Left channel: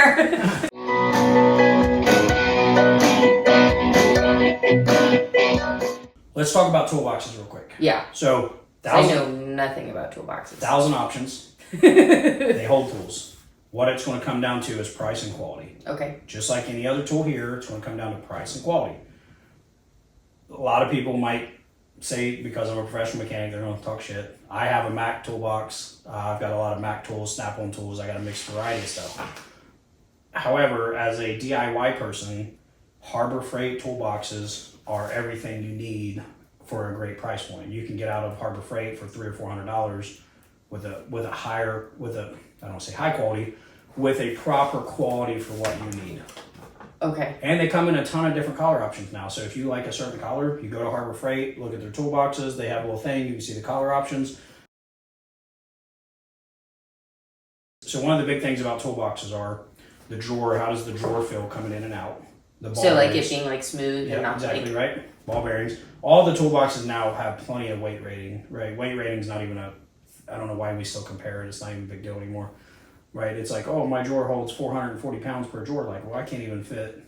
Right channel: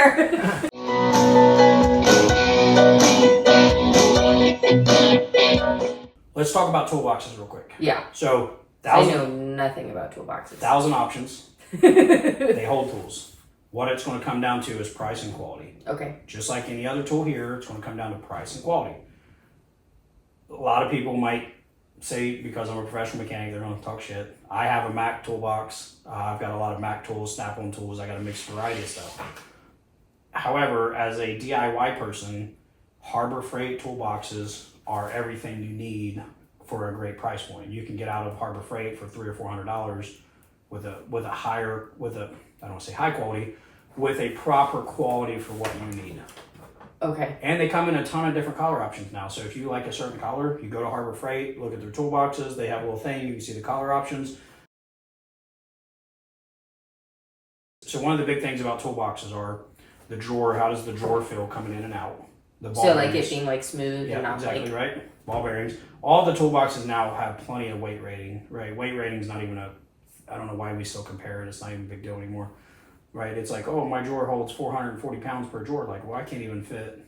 there. Let's talk about toolboxes real quick. Yeah. So, I know nothing about toolboxes. 1,000 options. They hold tools. What it's going to come down to is price and quality. Okay. Just like any other tool here, it's going to come down to price and quality. A lot of people might say, because I'm a professional mechanic, they're going to talk shit. I have a Mac toolbox. I've got a lot of Mac tools, Snap-on tools. I got a mixed variety of stuff. However, as a DIY person, Harbor Freight toolboxes are everything you need for a great price point. You can get out of Harbor Freight for $300 or $400 with a higher, I don't want to say high quality, with a proper quality for what you need. Okay. And they come in a ton of different color options now. So if you like a certain color, you go to Harbor Freight, look at their toolboxes. They have a little thing. You can see the color options. So one of the big things about toolboxes are the drawer. How does the drawer feel coming in and out? The ball So bearings. like it being like smooth and not exactly like... right. Ball bearings. All the toolboxes now have plenty of weight rating. Right. Weight rating is not even I don't know why we still compare it. It's not even a big deal anymore. Right? It's like, oh, my drawer holds 440 pounds per drawer. Like, well, I couldn't even fit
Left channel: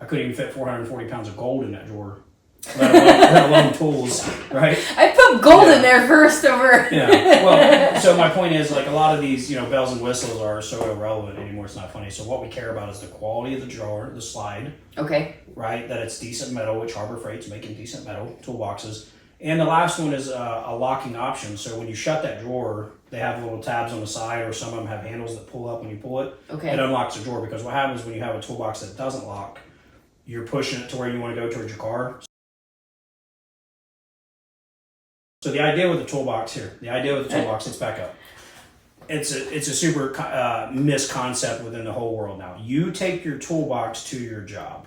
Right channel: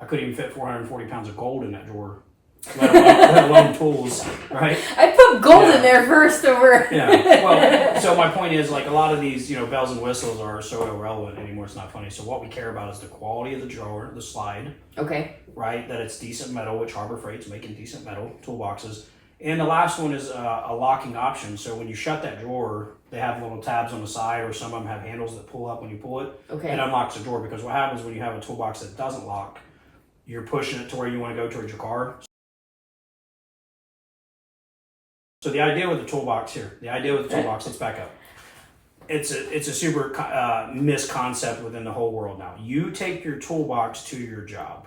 440 pounds of gold in that drawer, let alone tools, right? I put gold in there first over... Yeah, well, so my point is, like, a lot of these, bells and whistles are so irrelevant anymore, it's not funny. So what we care about is the quality of the drawer, the slide. Okay. Right? That it's decent metal, which Harbor Freight's making decent metal toolboxes. And the last one is a locking option. So when you shut that drawer, they have little tabs on the side, or some of them have handles that pull up when you pull it. Okay. It unlocks the drawer, because what happens when you have a toolbox that doesn't lock, you're pushing it to where you want to go towards your car. So the idea with the toolbox here, let's back up. It's a super misconcept within the whole world now. You take your toolbox to your job.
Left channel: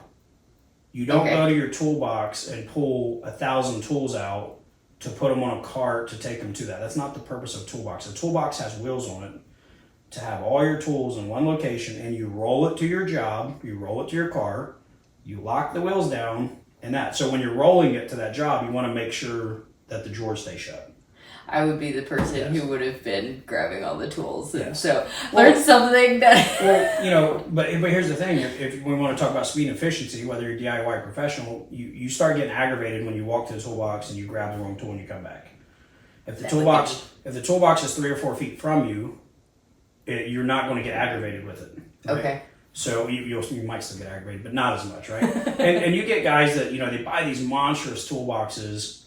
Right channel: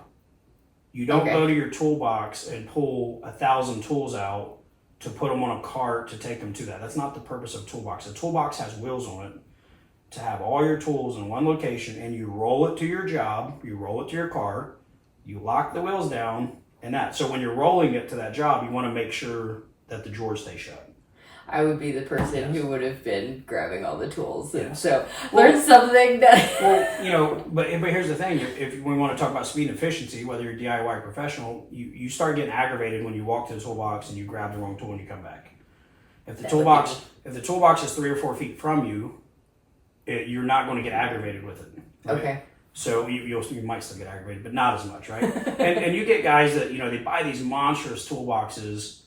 You don't go to your toolbox and pull 1,000 tools out to put them on a cart to take them to that. That's not the purpose of a toolbox. A toolbox has wheels on it to have all your tools in one location, and you roll it to your job, you roll it to your car, you lock the wheels down, and that. So when you're rolling it to that job, you want to make sure that the drawer stays shut. I would be the person who would have been grabbing all the tools. Yes. So learn something that... Well, but here's the thing. If we want to talk about speed and efficiency, whether you're DIY or professional, you start getting aggravated when you walk to the toolbox and you grab the wrong tool and you come back. If the toolbox is 3 or 4 feet from you, you're not going to get aggravated with it. Right? Okay. So you might still get aggravated, but not as much, right? and you get guys that, they buy these monstrous toolboxes,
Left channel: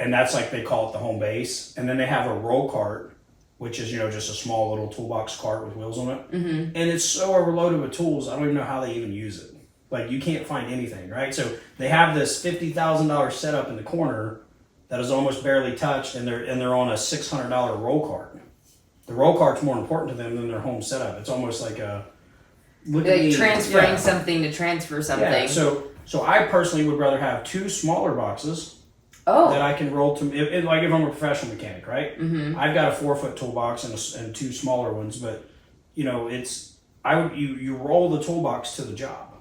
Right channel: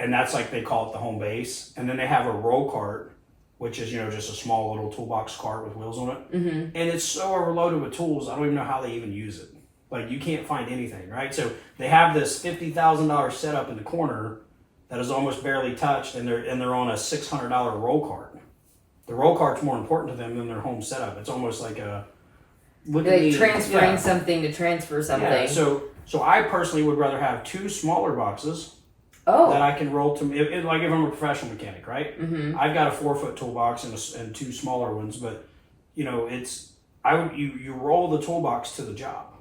and that's like, they call it the home base. And then they have a roll cart, which is, just a small little toolbox cart with wheels on it. Mm-hmm. And it's so overloaded with tools, I don't even know how they even use it. Like, you can't find anything, right? So they have this $50,000 setup in the corner that is almost barely touched, and they're on a $600 roll cart. The roll cart's more important to them than their home setup. It's almost like transferring something to transfer something. Yeah. So I personally would rather have 2 smaller boxes that I can roll to. Like if I'm a professional mechanic, right? Mm-hmm. I've got a 4-foot toolbox and 2 smaller ones, but you roll the toolbox to the job.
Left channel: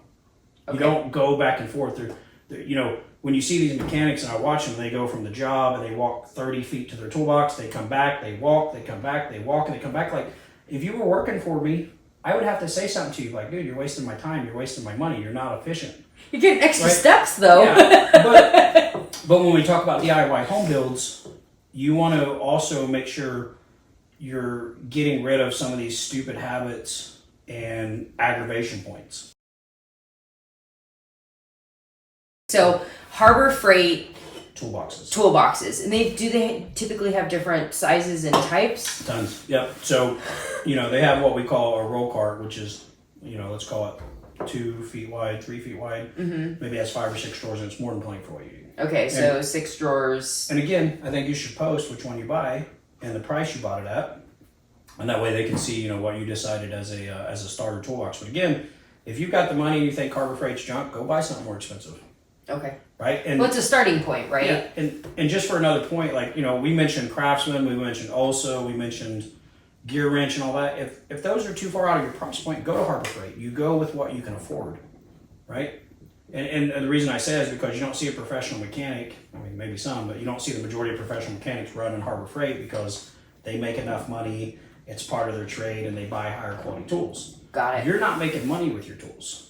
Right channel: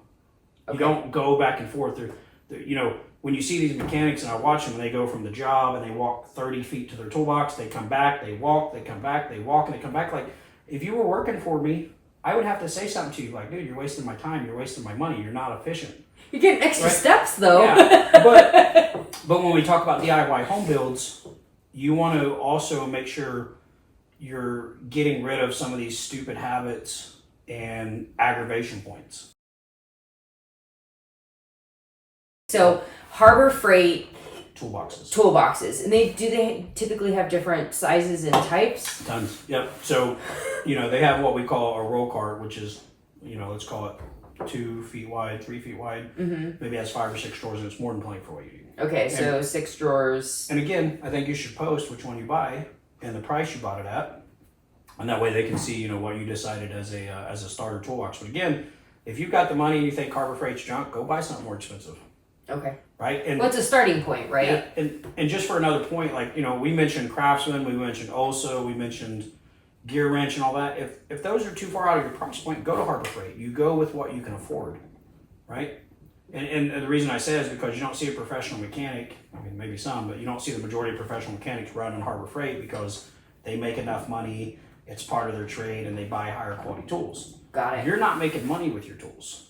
Okay. You don't go back and forth. When you see these mechanics and I watch them, they go from the job and they walk 30 feet to their toolbox. They come back, they walk, they come back, they walk, and they come back. Like, if you were working for me, I would have to say something to you like, dude, you're wasting my time. You're wasting my money. You're not efficient. You're getting extra steps, though. Yeah. But when we talk about DIY home builds, you want to also make sure you're getting rid of some of these stupid habits and aggravation points. So Harbor Freight toolboxes, and do they typically have different sizes and types? Tons. Yep. So they have what we call a roll cart, which is let's call it 2 feet wide, 3 feet wide. Mm-hmm. Maybe has 5 or 6 drawers, and it's more than plenty for what you need. Okay, so 6 drawers. And again, I think you should post which one you buy and the price you bought it at, and that way they can see what you decided as a starter toolbox. But again, if you've got the money and you think Harbor Freight's junk, go buy something more expensive. Okay. Right? And it's a starting point, right? Yeah. And just for another point, we mentioned Craftsman, we mentioned Olsa, we mentioned Gear Wrench and all that. If those are too far out of your price point, go to Harbor Freight. You go with what you can afford, right? And the reason I say that is because you don't see a professional mechanic, I mean, maybe some, but you don't see the majority of professional mechanics running Harbor Freight because they make enough money, it's part of their trade, and they buy higher quality tools. Got it. You're not making money with your tools.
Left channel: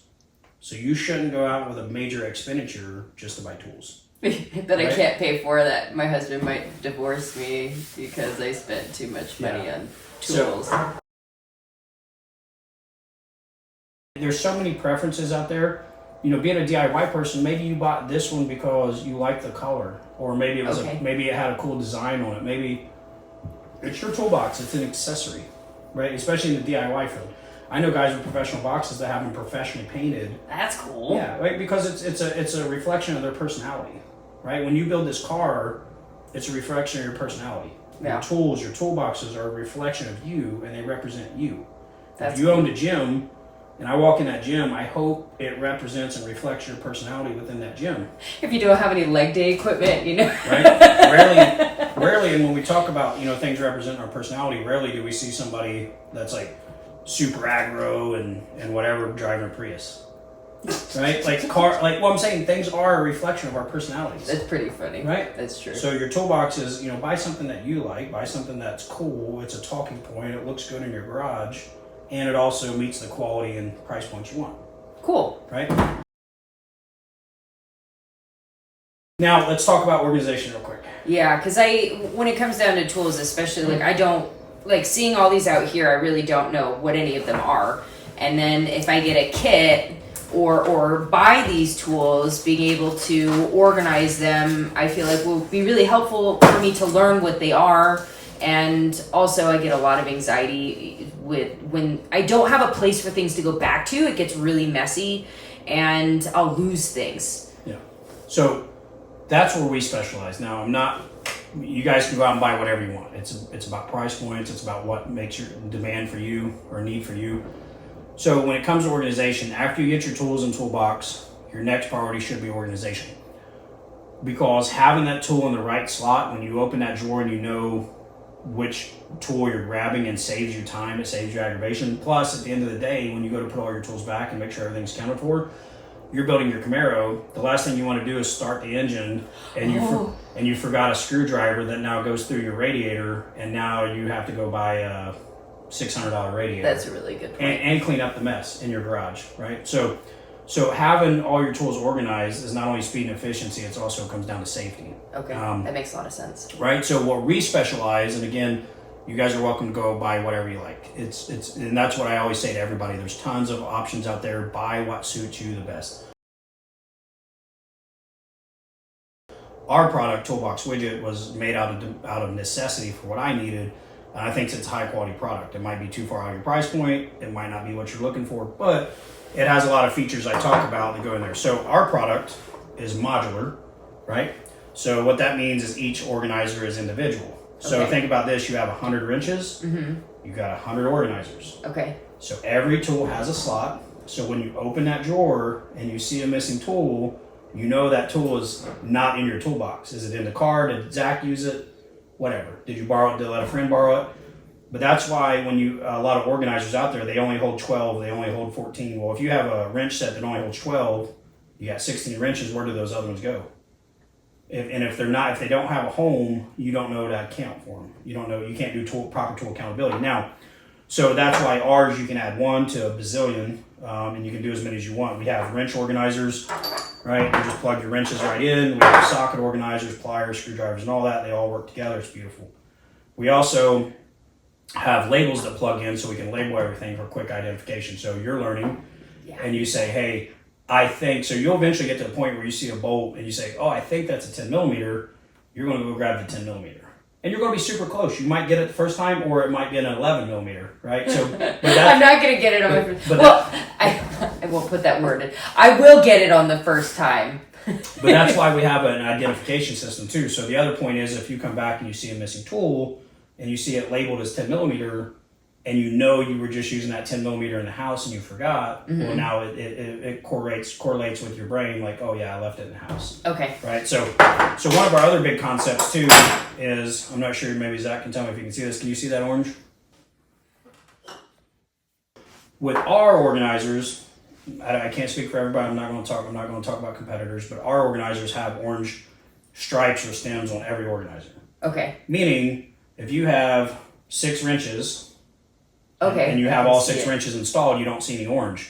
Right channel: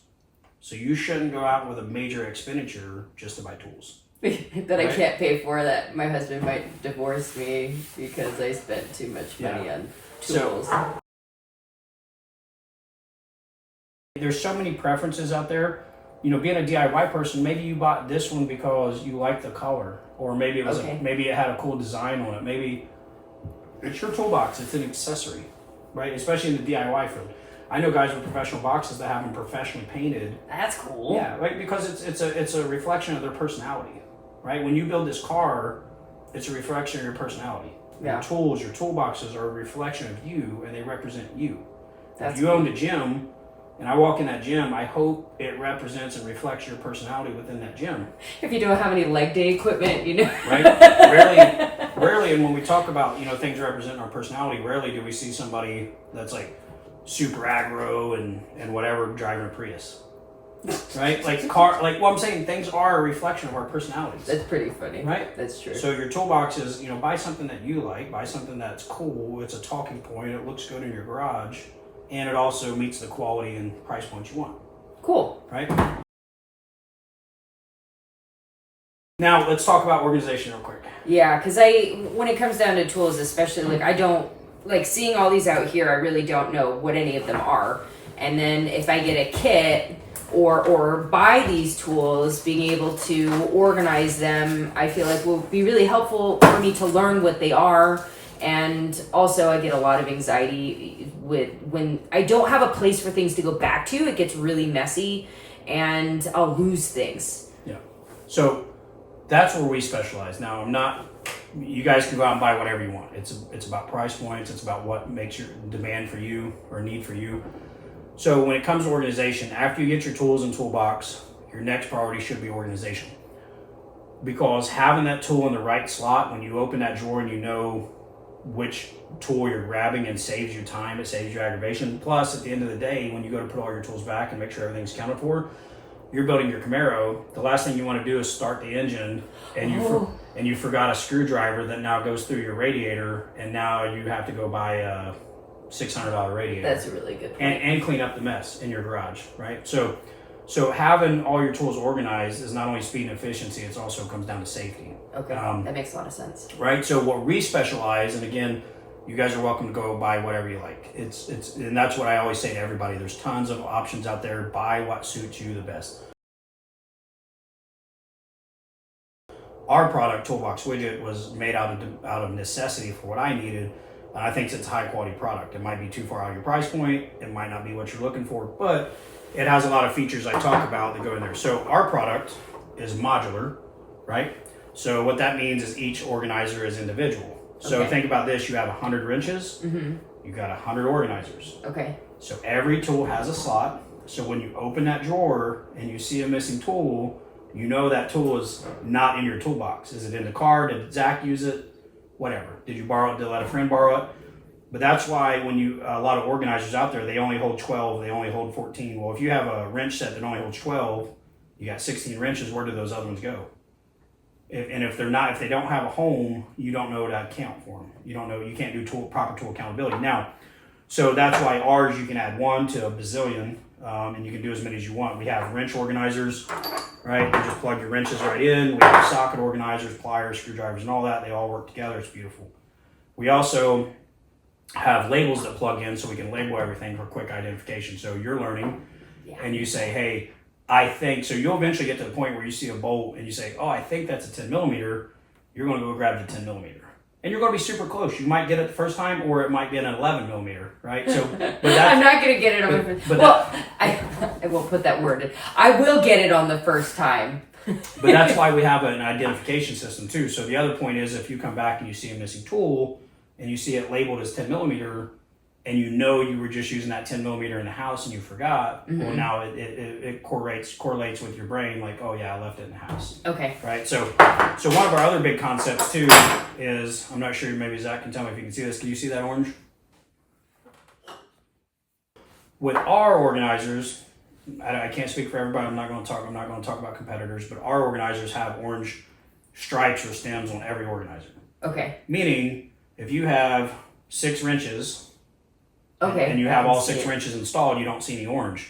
So you shouldn't go out with a major expenditure just to buy tools. That I can't pay for, that my husband might divorce me because I spent too much money on tools. There's so many preferences out there. You know, being a DIY person, maybe you bought this one because you like the color, or maybe it was maybe it had a cool design on it. Maybe it's your toolbox. It's an accessory, right? Especially in the DIY field. I know guys with professional boxes that have them professionally painted. That's cool. Yeah, right. Because it's a reflection of their personality, right? When you build this car, it's a reflection of your personality. Yeah. Your tools, your toolboxes are a reflection of you, and they represent you. That's if you owned a gym, and I walk in that gym, I hope it represents and reflects your personality within that gym. If you don't have any leg day equipment, you know. Right? Rarely, and when we talk about, you know, things representing our personality, rarely do we see somebody that's like super aggro and whatever driving a Prius. Right? What I'm saying, things are a reflection of our personalities. That's pretty funny. Right? That's true. So your toolbox is, you know, buy something that you like, buy something that's cool, it's a talking point, it looks good in your garage, and it also meets the quality and price points you want. Cool. Right? Now, let's talk about organization real quick. Yeah, because when it comes down to tools, especially, like, I don't, like, seeing all these out here, I really don't know what any of them are. And then if I get a kit or buy these tools, being able to organize them, I feel like will be really helpful for me to learn what they are. And also I get a lot of anxiety when I don't have a place for things to go back to. It gets really messy and I'll lose things. Yeah. So that's where we specialize. Now, you guys can go out and buy whatever you want. It's about price points. It's about what makes your demand for you or need for you. So when it comes to organization, after you get your tools and toolbox, your next priority should be organization. Because having that tool in the right slot, when you open that drawer and you know which tool you're grabbing, and saves you time, it saves you aggravation. Plus, at the end of the day, when you go to put all your tools back and make sure everything's accounted for, you're building your Camaro. The last thing you want to do is start the engine and you forgot a screwdriver that now goes through your radiator, and now you have to go buy a $600 radiator. That's a really good point. And clean up the mess in your garage, right? So having all your tools organized is not only speed and efficiency, it also comes down to safety. Okay, that makes a lot of sense. Right, so what we specialize, and again, you guys are welcome to go buy whatever you like. It's and that's what I always say to everybody. There's tons of options out there. Buy what suits you the best. Our product, Toolbox Widget, was made out of necessity for what I needed. And I think it's a high quality product. It might be too far out of your price point. It might not be what you're looking for, but it has a lot of features I talk about that go in there. So our product is modular, right? So what that means is each organizer is individual. So think about this, you have 100 wrenches, you've got 100 organizers. Okay. So every tool has a slot. So when you open that drawer and you see a missing tool, you know that tool is not in your toolbox. Is it in the car? Did Zach use it? Whatever. Did you borrow it? Did you let a friend borrow it? But that's why when a lot of organizers out there, they only hold 12, they only hold 14. Well, if you have a wrench set that only holds 12, you got 16 wrenches, where do those other ones go? If they don't have a home, you don't know how to account for them. You don't know, you can't do proper tool accountability. Now, so that's why ours, you can add 1 to a bazillion, and you can do as many as you want. We have wrench organizers, right? You just plug your wrenches right in. We have socket organizers, pliers, screwdrivers, and all that. They all work together. It's beautiful. We also have labels that plug in so we can label everything for quick identification. So you're learning, and you say, hey, I think, so you'll eventually get to the point where you see a bolt and you say, oh, I think that's a 10 millimeter. You're going to go grab the 10 millimeter. And you're going to be super close. You might get it the first time, or it might be an 11 millimeter, right? So, but I'm not going to get it on the first time. Well, I won't put that word in. I will get it on the first time. But that's why we have an identification system too. So the other point is, if you come back and you see a missing tool and you see it labeled as 10 millimeter, and you know you were just using that 10 millimeter in the house and you forgot, well, now it correlates with your brain, like, oh yeah, I left it in the house. Okay. Right. So one of our other big concepts too is, I'm not sure, maybe Zach can tell me if you can see this. Can you see that orange? With our organizers, I can't speak for everybody. I'm not going to talk about competitors, but our organizers have orange stripes or stems on every organizer. Okay. Meaning, if you have 6 wrenches, Okay. And you have I all see 6 it. wrenches installed, you don't see any orange.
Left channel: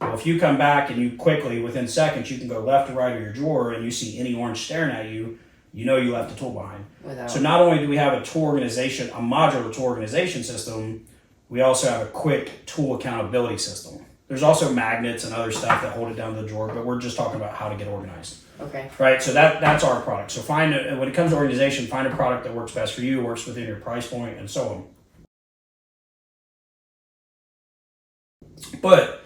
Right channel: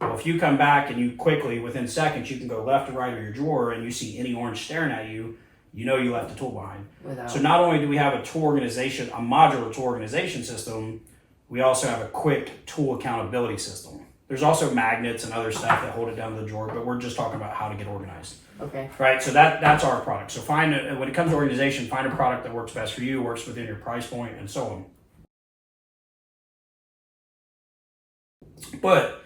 Well, if you come back and you quickly, within seconds, you can go left or right of your drawer and you see any orange staring at you, you know you left a tool behind. So not only do we have a tool organization, a modular tool organization system, we also have a quick tool accountability system. There's also magnets and other stuff that hold it down to the drawer, but we're just talking about how to get organized. Okay. Right, so that's our product. So when it comes to organization, find a product that works best for you, works within your price point, and so on. But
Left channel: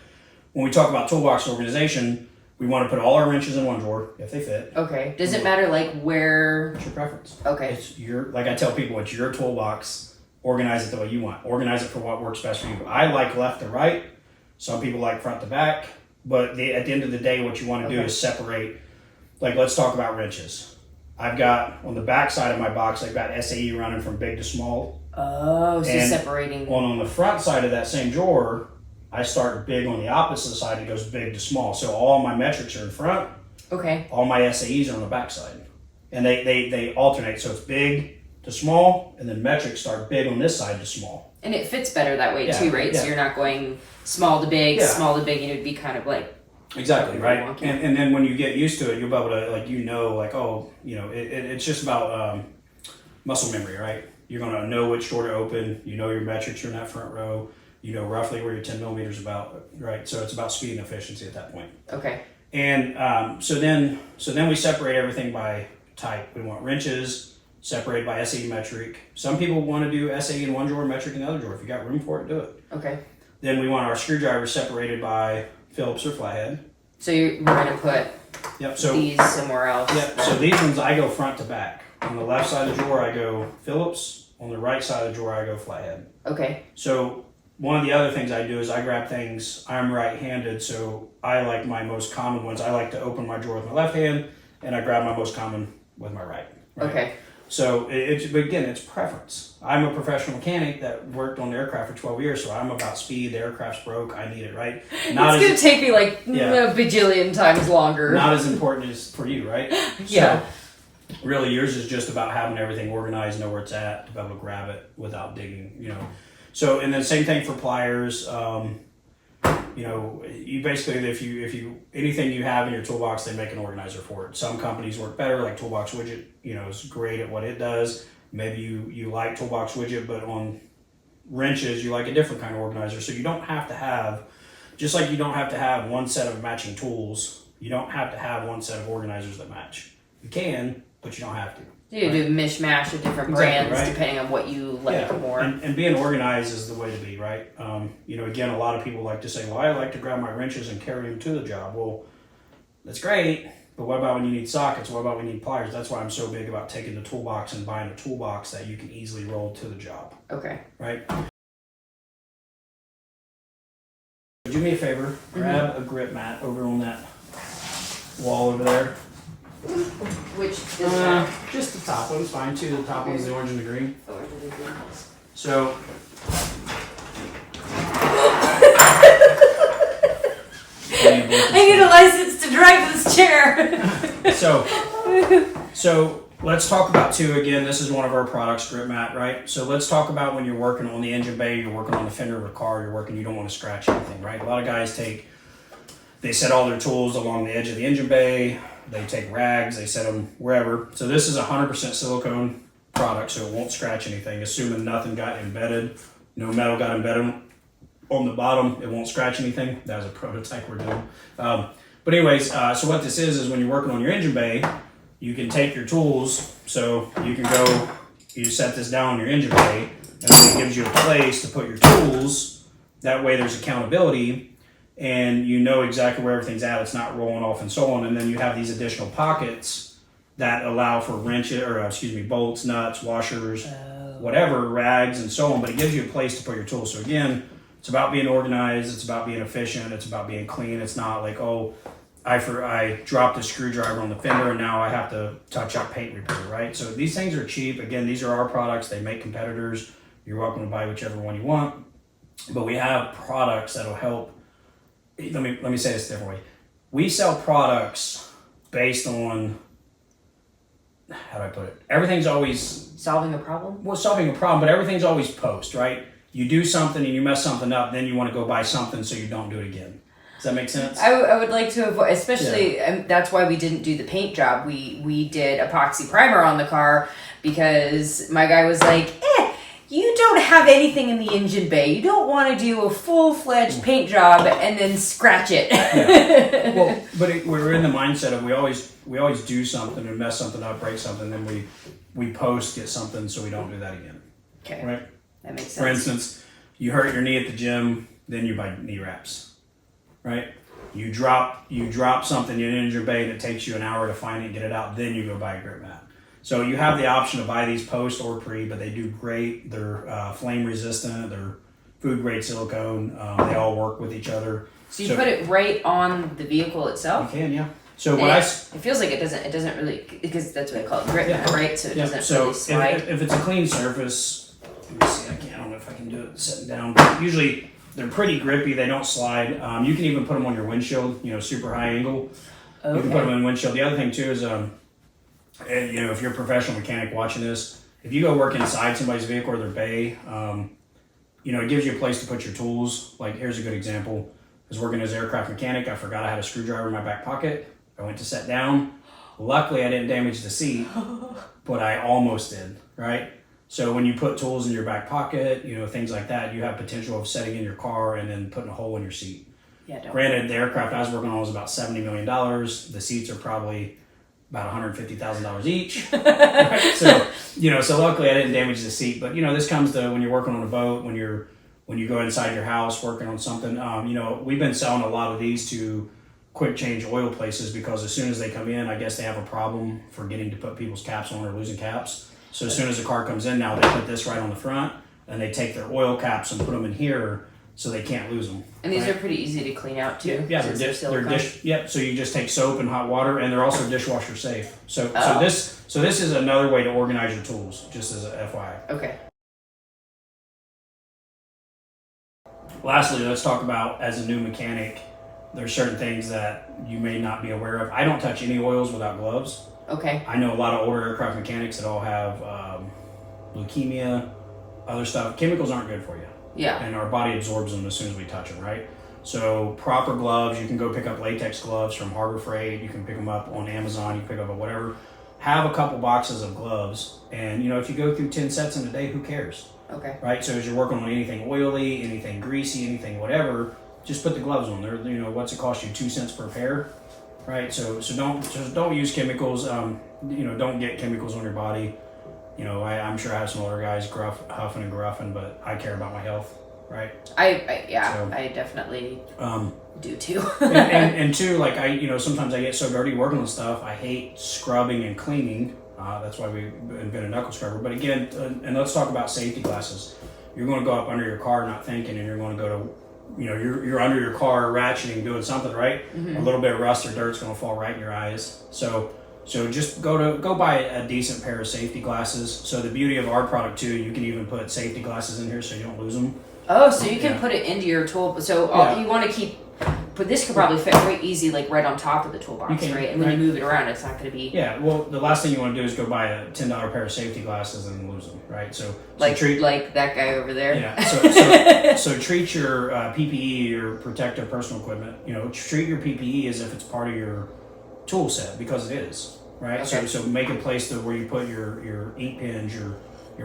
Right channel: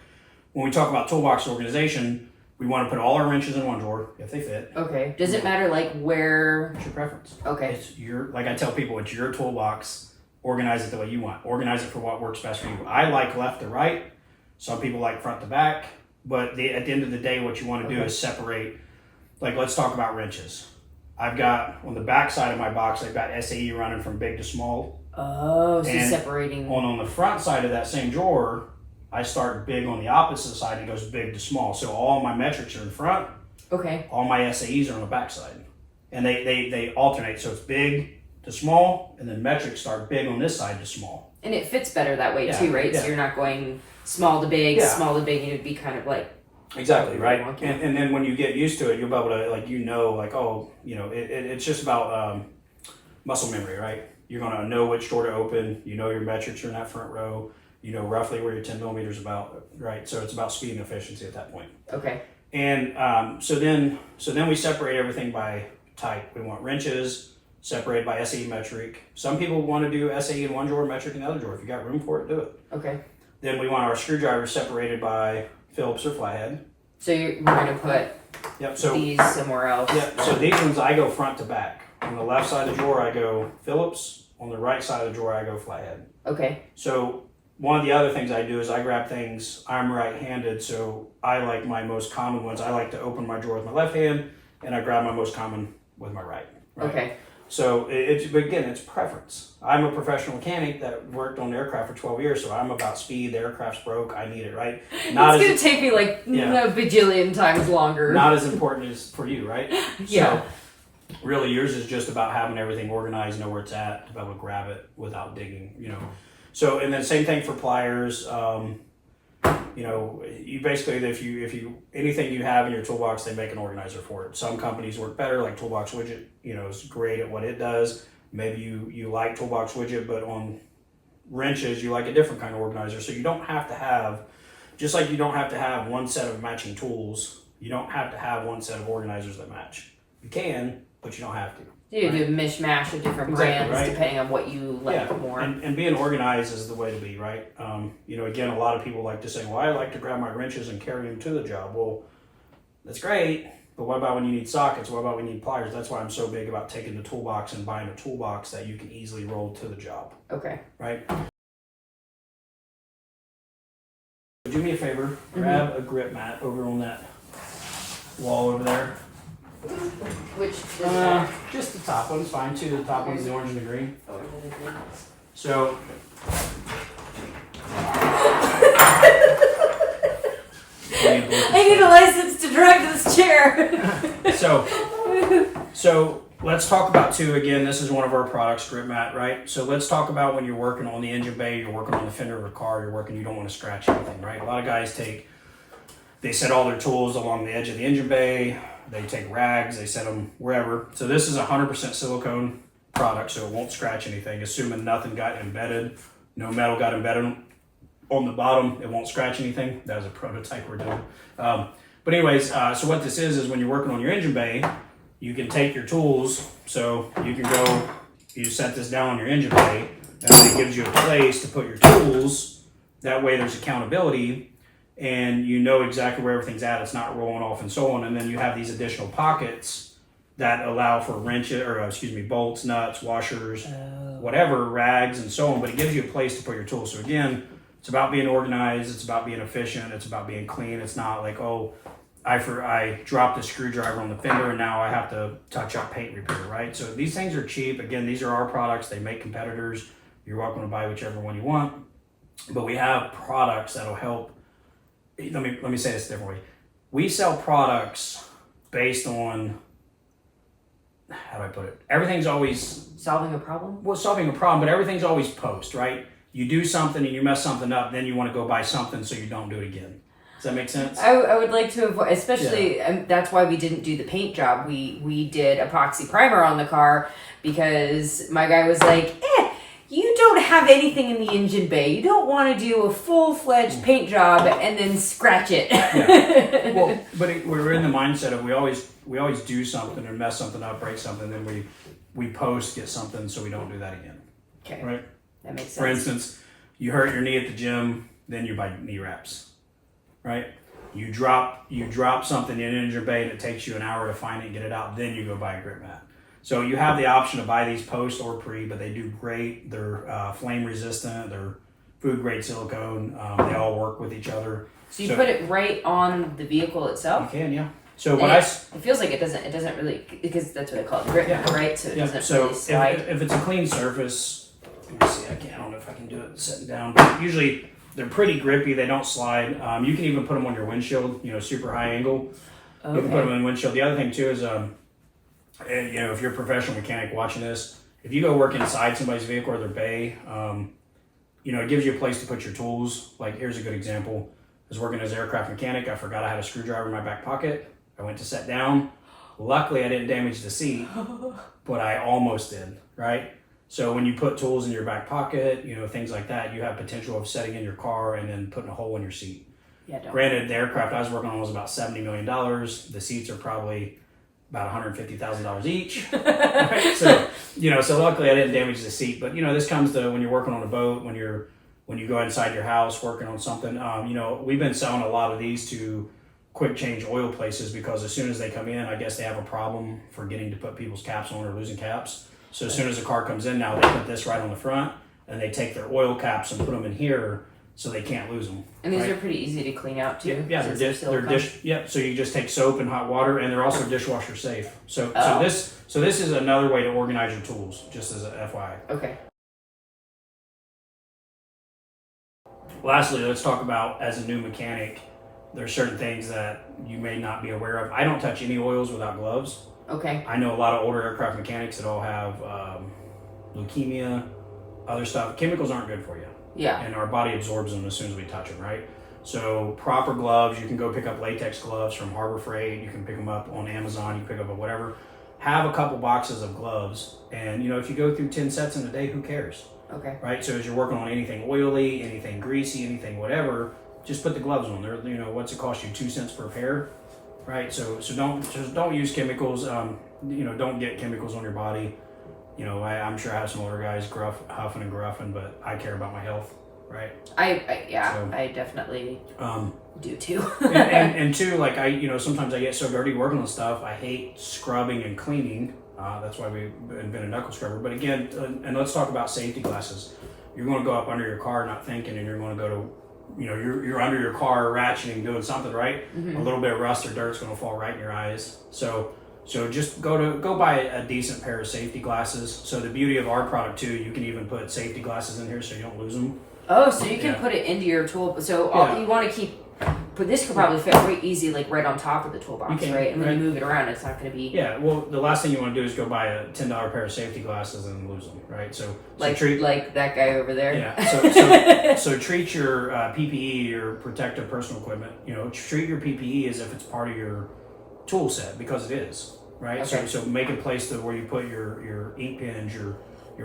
when we talk about toolbox organization, we want to put all our wrenches in one drawer if they fit. Okay. Does it matter like where? It's your preference. Okay. It's like I tell people, it's your toolbox. Organize it the way you want. Organize it for what works best for you. I like left to right. Some people like front to back. But at the end of the day, what you want to do is separate. Like, let's talk about wrenches. I've got, on the back side of my box, I've got SAE running from big to small. Oh, so and separating. On the front side of that same drawer, I start big on the opposite side. It goes big to small. So all my metrics are in front. Okay. All my SAEs are on the back side. And they alternate. So it's big to small, and then metrics start big on this side to small. And it fits better that way too, right? Yeah. So you're not going small to big, small to big, and it'd be kind of like... Exactly, right? And then when you get used to it, you'll be able to, it's just about muscle memory, right? You're going to know which door to open. You know your metrics are in that front row. You know roughly where your 10 millimeters is about, right? So it's about speed and efficiency at that point. Okay. And so then we separate everything by type. We want wrenches separated by SAE metric. Some people want to do SAE in one drawer, metric in the other drawer. If you got room for it, do it. Okay. Then we want our screwdrivers separated by Phillips or flathead. So we're going to put these somewhere else. Yep. So these ones I go front to back. On the left side of the drawer, I go Phillips. On the right side of the drawer, I go flathead. Okay. So one of the other things I do is I grab things, I'm right-handed, so I like my most common ones. I like to open my drawer with my left hand, and I grab my most common with my right. Okay. So but again, it's preference. I'm a professional mechanic that worked on the aircraft for 12 years, so I'm about speed. The aircraft's broke. I need it, right? It's going to take me like a bajillion times longer. Not as important as for you, right? Yeah. So really, yours is just about having everything organized, know where it's at, to be able to grab it without digging, So, and then same thing for pliers. You basically, if you anything you have in your toolbox, they make an organizer for it. Some companies work better, like Toolbox Widget, is great at what it does. Maybe you like Toolbox Widget, but on wrenches, you like a different kind of organizer. So you don't have to have, just like you don't have to have one set of matching tools, you don't have to have one set of organizers that match. You can, but you don't have to. You do a mishmash of different brands depending on what you like more. And being organized is the way to be, right? Again, a lot of people like to say, well, I like to grab my wrenches and carry them to the job. Well, that's great, but what about when you need sockets? What about when you need pliers? That's why I'm so big about taking the toolbox and buying a toolbox that you can easily roll to the job. Okay. Right? Do me a favor, grab a Grypmat over on that wall over there. Which is that? Just the top one's fine too. The top one's the orange and the green. So I need a license to drive this chair. So let's talk about again, this is one of our products, Grypmat, right? So let's talk about when you're working on the engine bay, you're working on the fender of a car, you don't want to scratch anything, right? A lot of guys they set all their tools along the edge of the engine bay. They take rags, they set them wherever. So this is 100% silicone product, so it won't scratch anything. Assuming nothing got embedded, no metal got embedded on the bottom, it won't scratch anything. That was a prototype we're doing. But anyways, so what this is when you're working on your engine bay, you can take your tools. So you can go, you set this down on your engine bay, and then it gives you a place to put your tools. That way there's accountability. And you know exactly where everything's at. It's not rolling off and so on. And then you have these additional pockets that allow for bolts, nuts, washers, whatever, rags, and so on. But it gives you a place to put your tools. So again, it's about being organized. It's about being efficient. It's about being clean. It's not like, I dropped a screwdriver on the fender and now I have to touch up paint repair, right? So these things are cheap. Again, these are our products. They make competitors. You're welcome to buy whichever one you want. But we have products that'll help. Let me say this a different way. We sell products based on, how do I put it? Everything's always solving a problem. Well, solving a problem, but everything's always post, right? you do something and you mess something up, then you want to go buy something so you don't do it again. Does that make sense? I would like to avoid, especially, that's why we didn't do the paint job. We did epoxy primer on the car because my guy was like, you don't have anything in the engine bay. You don't want to do a full-fledged paint job and then scratch it. Yeah. Well, but we're in the mindset of we always do something and mess something up, break something, then we post get something so we don't do that again. Okay. Right? That makes sense. For instance, you hurt your knee at the gym, then you buy knee wraps. Right? You drop something in an engine bay and it takes you an hour to find it and get it out, then you go buy a Grypmat. So you have the option to buy these post or pre, but they do great. They're flame resistant. They're food grade silicone. They all work with each other. So you put it right on the vehicle itself? You can, yeah. So it feels like it doesn't really, because that's what I call it, Grypmat, right? So it doesn't really slide. If it's a clean surface, let me see. I don't know if I can do it sitting down. But usually they're pretty grippy. They don't slide. You can even put them on your windshield. Super high angle. Okay. You can put them on the windshield. The other thing too is if you're a professional mechanic watching this, if you go work inside somebody's vehicle or their bay, it gives you a place to put your tools. Like, here's a good example. I was working as an aircraft mechanic. I forgot I had a screwdriver in my back pocket. I went to sit down. Luckily, I didn't damage the seat, but I almost did, right? So when you put tools in your back pocket, things like that, you have potential of setting in your car and then putting a hole in your seat. Yeah, don't. Granted, the aircraft I was working on was about $70 million. The seats are probably about $150,000 each. Right? So luckily I didn't damage the seat. But this comes to when you're working on a boat, when you go inside your house working on something. We've been selling a lot of these to quick change oil places because as soon as they come in, I guess they have a problem forgetting to put people's caps on or losing caps. So as soon as a car comes in now, they put this right on the front and they take their oil caps and put them in here so they can't lose them. And these are pretty easy to clean out too. Yeah, they're dish. Yep. So you just take soap and hot water, and they're also dishwasher safe. So this is another way to organize your tools, just as a FYI. Okay. Lastly, let's talk about, as a new mechanic, there's certain things that you may not be aware of. I don't touch any oils without gloves. Okay. I know a lot of older aircraft mechanics that all have leukemia, other stuff. Chemicals aren't good for you. Yeah. And our body absorbs them as soon as we touch them, right? So proper gloves, you can go pick up latex gloves from Harbor Freight. You can pick them up on Amazon. You can pick up whatever. Have a couple boxes of gloves. And, if you go through 10 sets in a day, who cares? Okay. Right? So as you're working on anything oily, anything greasy, anything whatever, just put the gloves on. They're, what's it cost you? 2 cents per pair? Right? So don't use chemicals. Don't get chemicals on your body. I'm sure I have some older guys huffing and gruffing, but I care about my health, right? I definitely do too. and two, like sometimes I get so dirty working on stuff. I hate scrubbing and cleaning. That's why we invented Knuckle Scrubber. But again, and let's talk about safety glasses. You're going to go up under your car not thinking, and you're going to go to, you're under your car ratcheting, doing something, right? Mm-hmm. A little bit of rust or dirt's going to fall right in your eyes. So just go buy a decent pair of safety glasses. So the beauty of our product too, you can even put safety glasses in here so you don't lose them. Oh, so you can put it into your tool. So you want to keep, but this could probably fit very easy, like right on top of the toolbox, right? And when you move it around, it's not going to be. Yeah. Well, the last thing you want to do is go buy a $10 pair of safety glasses and lose them, right? So treat like that guy over there. Yeah. So treat your PPE, your protective personal equipment. Treat your PPE as if it's part of your tool set, because it is. Right, okay. So make a place to where you put your ink pens, your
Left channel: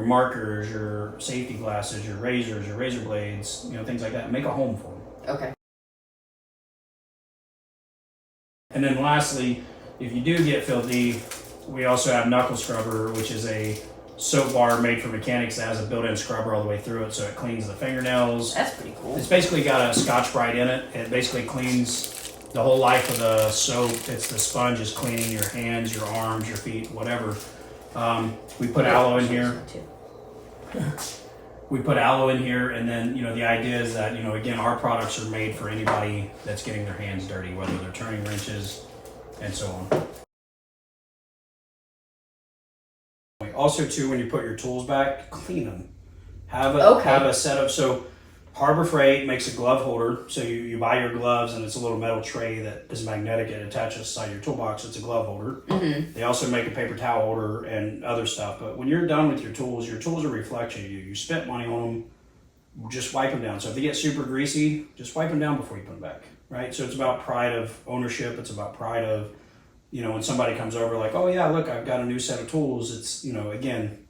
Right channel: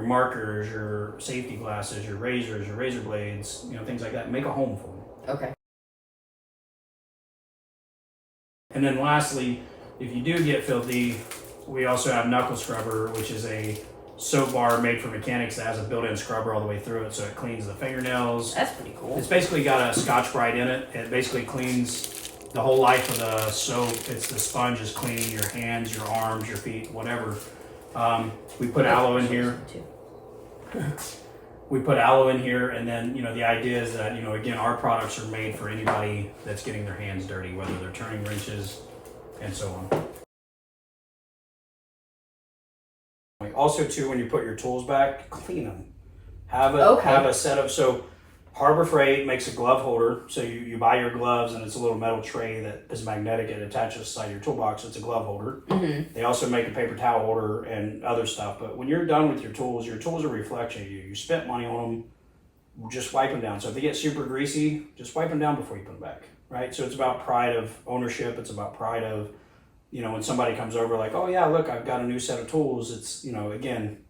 markers, your safety glasses, your razors, your razor blades, things like that. Make a home for them. Okay. And then lastly, if you do get filthy, we also have Knuckle Scrubber, which is a soap bar made for mechanics that has a built-in scrubber all the way through it, so it cleans the fingernails. That's pretty cool. It's basically got a Scotch-Brite in it. It basically cleans the whole life of the soap. It's the sponge is cleaning your hands, your arms, your feet, whatever. We put aloe in here. We put aloe in here, and then the idea is that again, our products are made for anybody that's getting their hands dirty, whether they're turning wrenches and so on. Also, too, when you put your tools back, clean them. Have a setup. So Harbor Freight makes a glove holder. So you buy your gloves, and it's a little metal tray that is magnetic. It attaches to the side of your toolbox. It's a glove holder. Mm-hmm. They also make a paper towel holder and other stuff. But when you're done with your tools are a reflection of you. You spent money on them. just wipe them down. So if they get super greasy, just wipe them down before you put them back, right? So it's about pride of ownership. It's about pride of, when somebody comes over like, oh yeah, look, I've got a new set of tools. It's, again,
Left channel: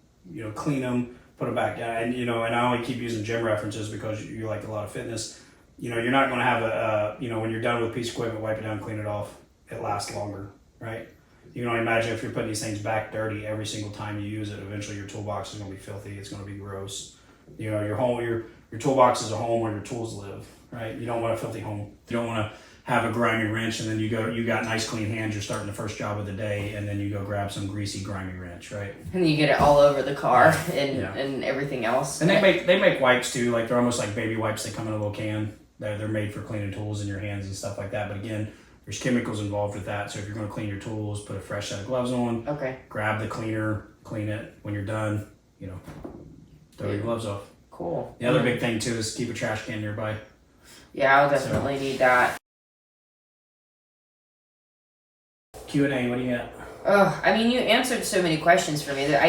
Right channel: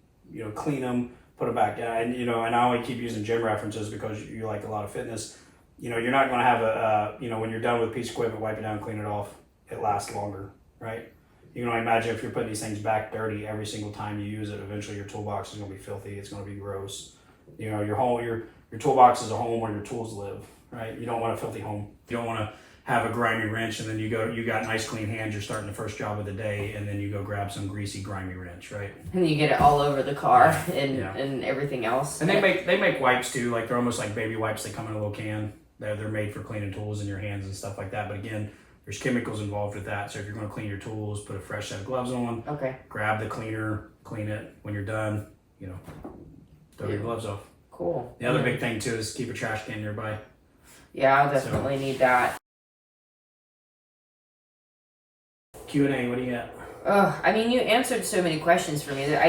clean them, put them back. And, and I only keep using gym references because you like a lot of fitness. You're not going to have when you're done with a piece of equipment, wipe it down, clean it off. It lasts longer, right? You can only imagine if you're putting these things back dirty every single time you use it, eventually your toolbox is going to be filthy. It's going to be gross. Your home, your toolbox is a home where your tools live, right? You don't want a filthy home. You don't want to have a grimy wrench and then you got nice clean hands. You're starting the first job of the day and then you go grab some greasy, grimy wrench, right? And you get it all over the car and everything else. And they make wipes too. Like they're almost like baby wipes. They come in a little can. They're made for cleaning tools in your hands and stuff like that. But again, there's chemicals involved with that. So if you're going to clean your tools, put a fresh set of gloves on. Okay. Grab the cleaner, clean it. When you're done, throw your gloves off. Cool. The other big thing too is keep a trash can nearby. Yeah, I'll definitely need that. Q&A, what do you got? Oh, I mean, you answered so many questions for me that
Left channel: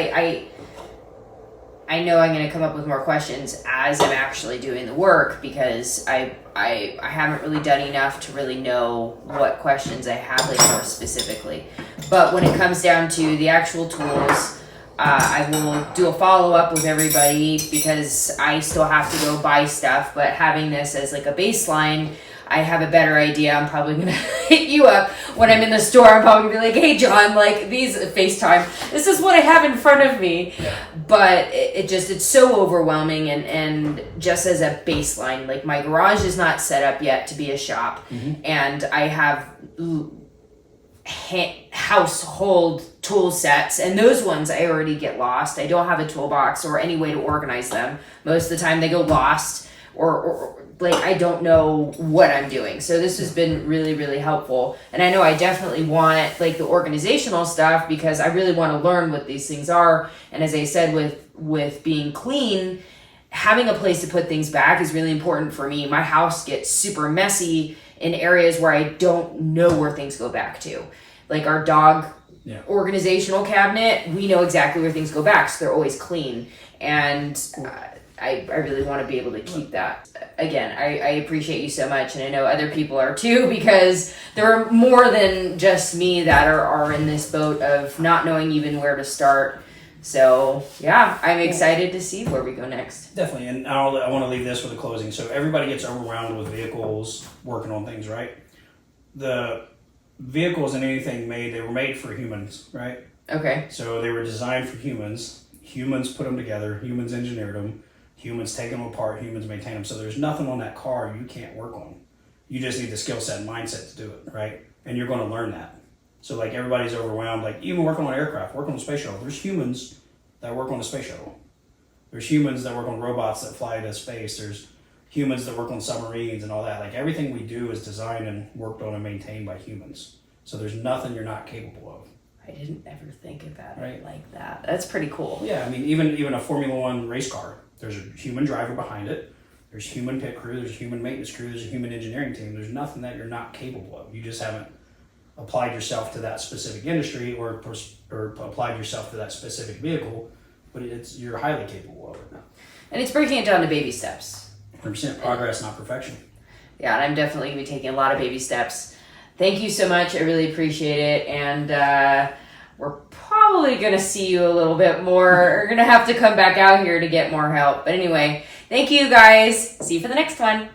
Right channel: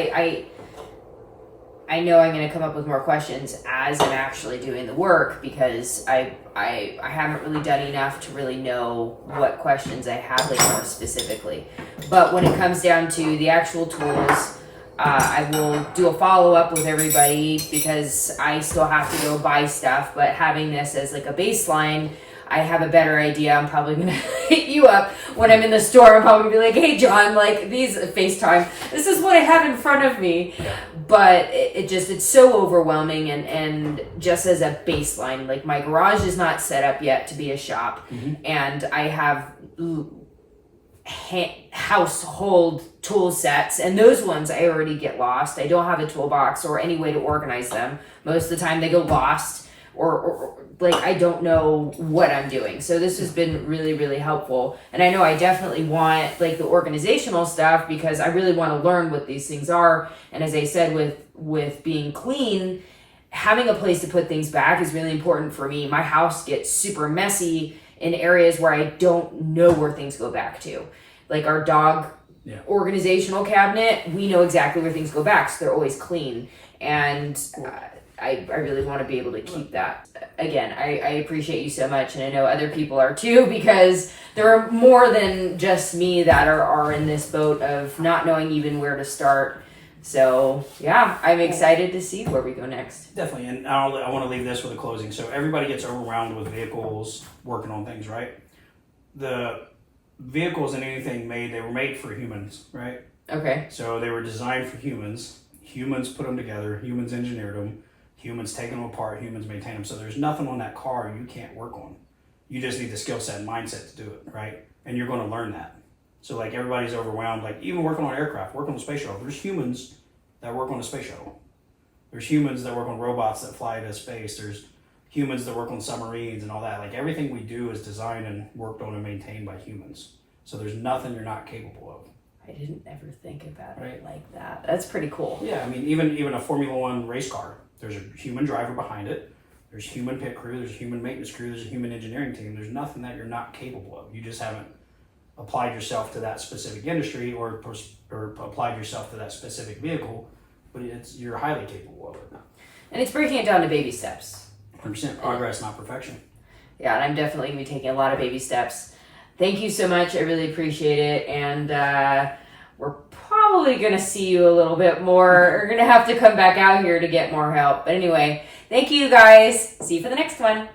I know I'm going to come up with more questions as I'm actually doing the work because I haven't really done enough to really know what questions I have like more specifically. But when it comes down to the actual tools, I will do a follow-up with everybody because I still have to go buy stuff, but having this as like a baseline, I have a better idea. I'm probably going to hit you up when I'm in the store. I'm probably going to be like, hey, John, like these FaceTime, this is what I have in front of me. Yeah. But it's so overwhelming. And just as a baseline, like my garage is not set up yet to be a shop. Mm-hmm. And I have household tool sets. And those ones I already get lost. I don't have a toolbox or any way to organize them. Most of the time they go lost or like I don't know what I'm doing. So this has been really, really helpful. And I know I definitely want like the organizational stuff because I really want to learn what these things are. And as I said, with being clean, having a place to put things back is really important for me. My house gets super messy in areas where I don't know where things go back to. Like our dog organizational cabinet, we know exactly where things go back. So they're always clean. And I really want to be able to keep that. Again, I appreciate you so much, and I know other people are too, because there are more than just me that are in this boat of not knowing even where to start. So yeah, I'm excited to see where we go next. Definitely, and I want to leave this with a closing. So everybody gets overwhelmed with vehicles, working on things, right? The vehicles and anything they were made for humans, right? Okay. So they were designed for humans. Humans put them together. Humans engineered them. Humans take them apart, humans maintain them. So there's nothing on that car you can't work on. You just need the skill set and mindset to do it, right? And you're going to learn that. So like everybody's overwhelmed, like even working on aircraft, working on the space shuttle. There's humans that work on the space shuttle. There's humans that work on robots that fly to space. There's humans that work on submarines and all that. Like everything we do is designed and worked on and maintained by humans. So there's nothing you're not capable of. I didn't ever think about it like that. That's pretty cool. Yeah, I mean, even a Formula One race car, there's a human driver behind it. There's human pit crew. There's a human maintenance crew. There's a human engineering team. There's nothing that you're not capable of. You just haven't applied yourself to that specific industry or applied yourself to that specific vehicle, but you're highly capable of it. And it's breaking it down to baby steps. 100% progress, not perfection. Yeah, and I'm definitely going to be taking a lot of baby steps. Thank you so much. I really appreciate it. And we're probably going to see you a little bit more. We're going to have to come back out here to get more help. But anyway, thank you guys. See you for the next one.